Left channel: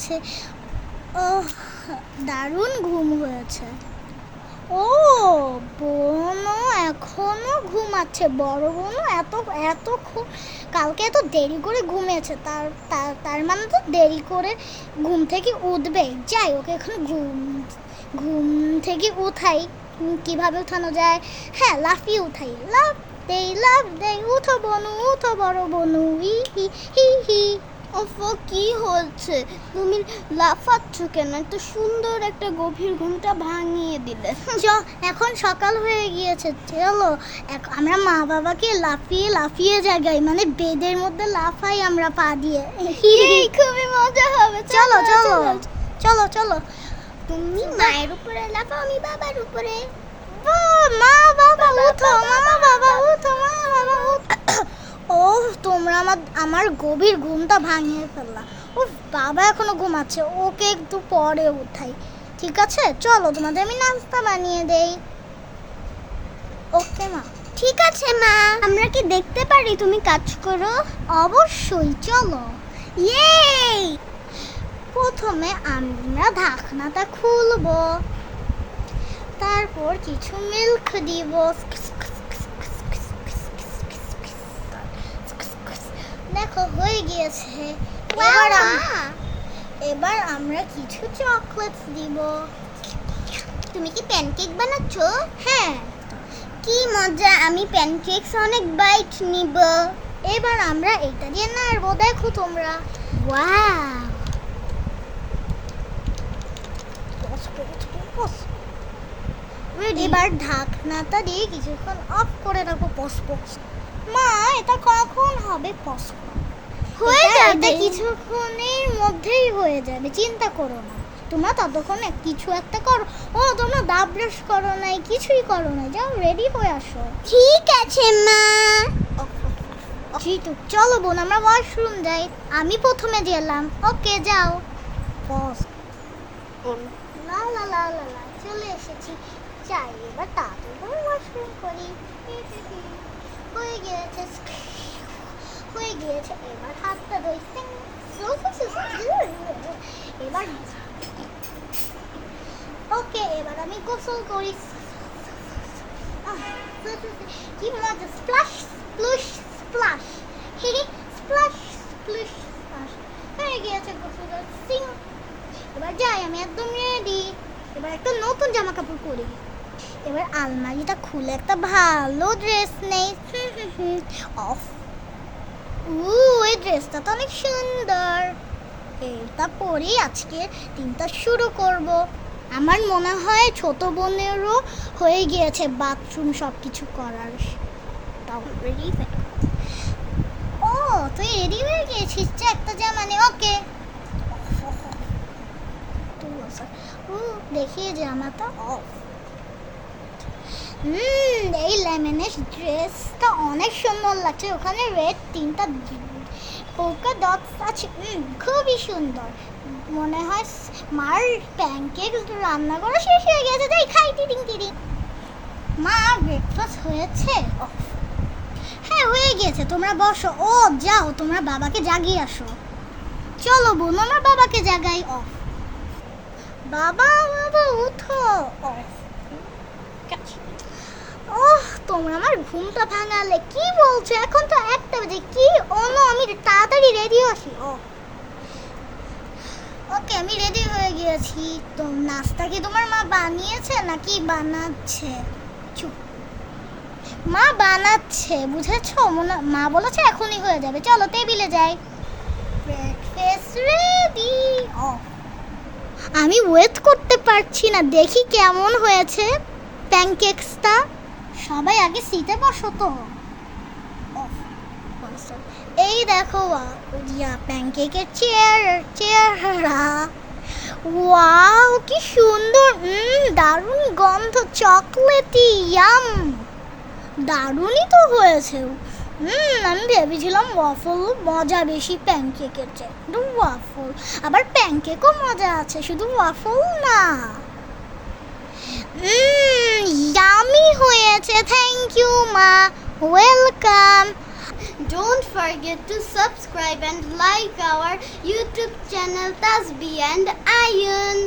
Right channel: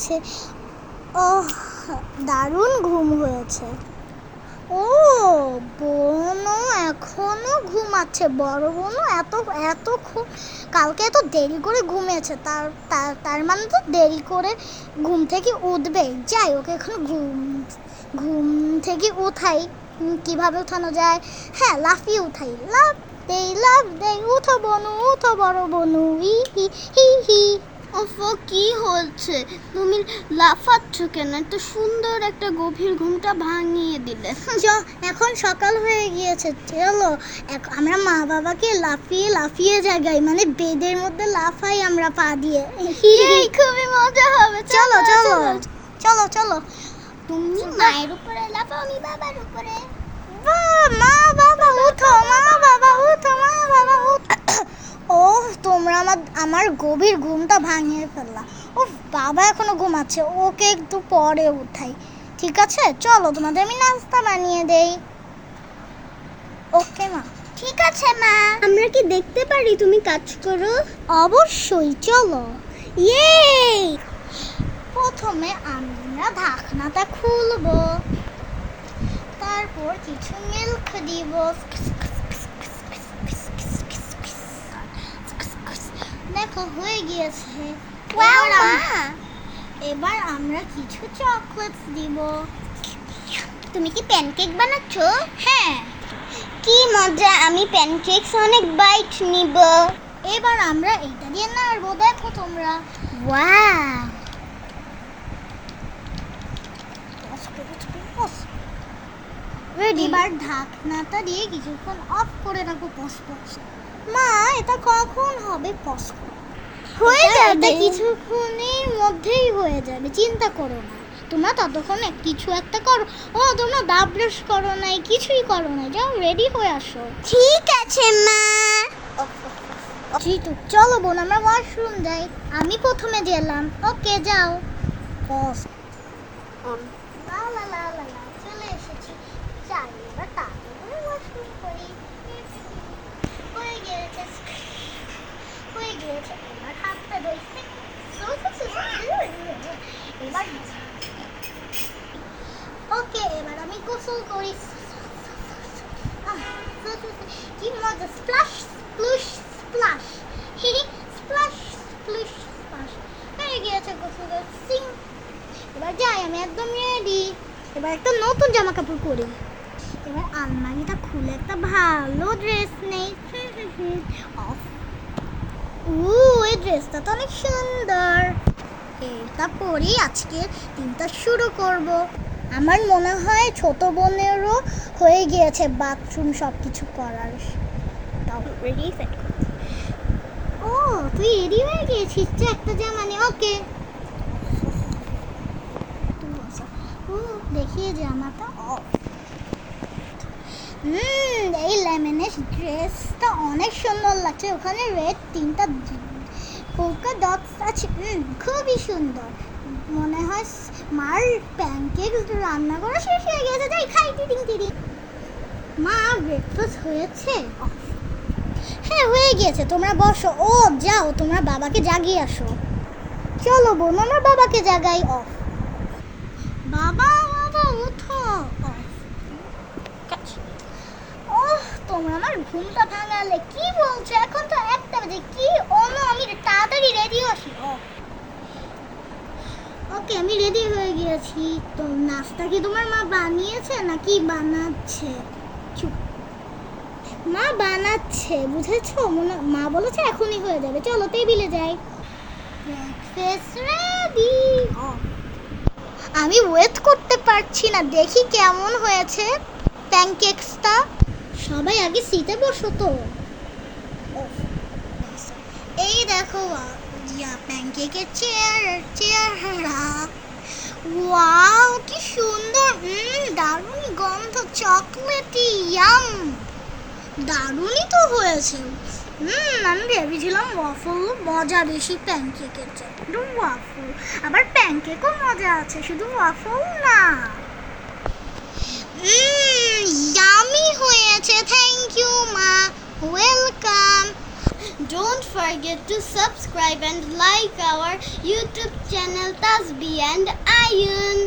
গিয়েছে। ওহ, দারুণ ঘুম হয়েছে। ও, বোনও এখনো ঘুমাচ্ছে। বড় বোনও এত এত কালকে এত দেরি করে ঘুমিয়েছে, তার তার তার মানে তো দেরি করে ঘুম থেকে উঠবে। যাই, ওকে এখন ঘুম থেকে উঠাই। কিভাবে উঠানো যায়? হ্যাঁ, লাফিয়ে উঠাই। লাফ দেই, উঠো বনু, উঠো বড় বনু, হি হি হি হি। ওফো, কি হচ্ছে? তুমি লাফাচ্ছ কেন? এত সুন্দর একটা গভীর ঘুমটা ভাঙিয়ে দিলে। এখন সকাল হয়ে গিয়েছে, চলো আমরা মা বাবাকে লাফিয়ে লাফিয়ে জাগাই, মানে বেডের মধ্যে লাফাই আমরা পা দিয়ে। খুবই মজা হবে। চলো চলো চলো চলো। তুমি মায়ের উপরে লাফাও, আমি বাবার উপরে। মা বাবা উঠো, মা বাবা উঠো, মা বাবা উঠো। ও, তোমরা আমার গভীর ঘুমটা ভাঙিয়ে ফেললা। ও, বাবা এখনো ঘুমাচ্ছে, ওকে একটু পরে উঠাই। ঠিক আছে, চলো তোমাদের আমি নাস্তা বানিয়ে দেই। ওকে মা। ঠিক আছে মা, আমরা কি দেখতে পারি তুমি কাজ করো? অবশ্যই, চলো। ইয়ে, প্রথমে আমরা ঢাকনাটা খুলবো, তারপর কিছু মিল্ক দিব। দেখো হয়ে গিয়েছে। এবার আমরা কিছু চকলেট দিব। তুমি কি প্যানকেক বানাচ্ছো? হ্যাঁ। কি মজা, আমি প্যানকেকস অনেক বাইট নিব। এবার আমরা এটা দিয়ে নাড়বো, দেখো তোমরা। ওয়াও, এবার ঢাকনাটা দিয়ে কিছুক্ষণ অফ করে রাখবো। মা, এটা কখন হবে? হয়ে যাবে। কিছুক্ষণের মধ্যেই হয়ে যাবে, চিন্তা করো না। তোমরা ততক্ষণে কিছু একটা করো। ও, তোমরা দাঁত ব্রাশ করো নাই, কিছুই করো নাই, যাও রেডি হয়ে আসো। ঠিক আছে মা। জিতু, চলো বোন, আমরা ওয়াশরুম যাই। আমি প্রথমে গেলাম। ওকে, যাও। লা লা লা লা লা, চলে এসেছি। যাই, এবার তাড়াতাড়ি করে ওয়াশরুম করি। হয়ে গিয়েছে, হয়ে গিয়েছে। এবার হাতটা ধুই। এবার ওকে, এবার আমি গোসল করি। কি মজা! Splash splush splash, splash splush splash. হয়ে গিয়েছে গোসল। সিং, এবার যাই, আমি একদম রেডি। এবার একটা নতুন জামা কাপড় পরি। এবার আলমারিটা খুলে একটা ভালো ড্রেস নেই। অফ। এই ড্রেসটা তো অনেক সুন্দর। এটা পরেই আজকের দিনটা শুরু করব। আমার মনে হয় ছোট বোনেরও হয়ে গিয়েছে বাথরুম সব কিছু করার। ও, তুই রেডি হয়ে গিয়েছিস? একটা জামা নে। ওকে, দেখি জামাটা অফ। এই লেমনের ড্রেসটা অনেক সুন্দর লাগছে। ওখানে রেড তিনটা পোকা ডটস আছে। খুবই সুন্দর। মনে হয় মার প্যানকেক রান্না করা শেষ হয়ে গেছে। যাই খাই। টিডিং। মা, ব্রেকফাস্ট হয়েছে? হ্যাঁ, হয়ে গিয়েছে। তোমরা বসো। ও, যাও, তোমরা বাবাকে জাগিয়ে আসো। চলো বোন, আমরা বাবাকে জাগাই। অফ। বাবা উঠো। অফ। ওহ, তোমরা আমার ঘুমটা ভাঙালে। কি বলছো? এখন তো 1টা বাজে। কি আমি তাড়াতাড়ি রেডি হচ্ছি। ওকে, আমি রেডি হয়ে গিয়েছি। তো নাস্তা কি তোমার মা বানিয়েছে নাকি বানাচ্ছে? চুপ। মা বানাচ্ছে, বুঝেছো? মা বলেছে এখনই হয়ে যাবে। চলো টেবিলে যাই। Breakfast ready. আমি ওয়েট করতে পারছি না, দেখি কেমন হয়েছে প্যানকেকসটা। সবাই আগে সিটে বসো তো। এই দেখো প্যানকেকের চেহারা। ওয়াও, কি সুন্দর! দারুণ গন্ধ, চকলেটি, ইয়াম। দারুণই তো হয়েছে। আমি ভেবেছিলাম ওয়াফল মজা বেশি প্যানকেকের চেয়ে। ওয়াফল, আবার প্যানকেকও মজা আছে, শুধু ওয়াফল না। ইয়ামি হয়েছে। থ্যাংক ইউ মা, welcome. don't forget to subscribe and like our YouTube channel Tasbih and Ayun.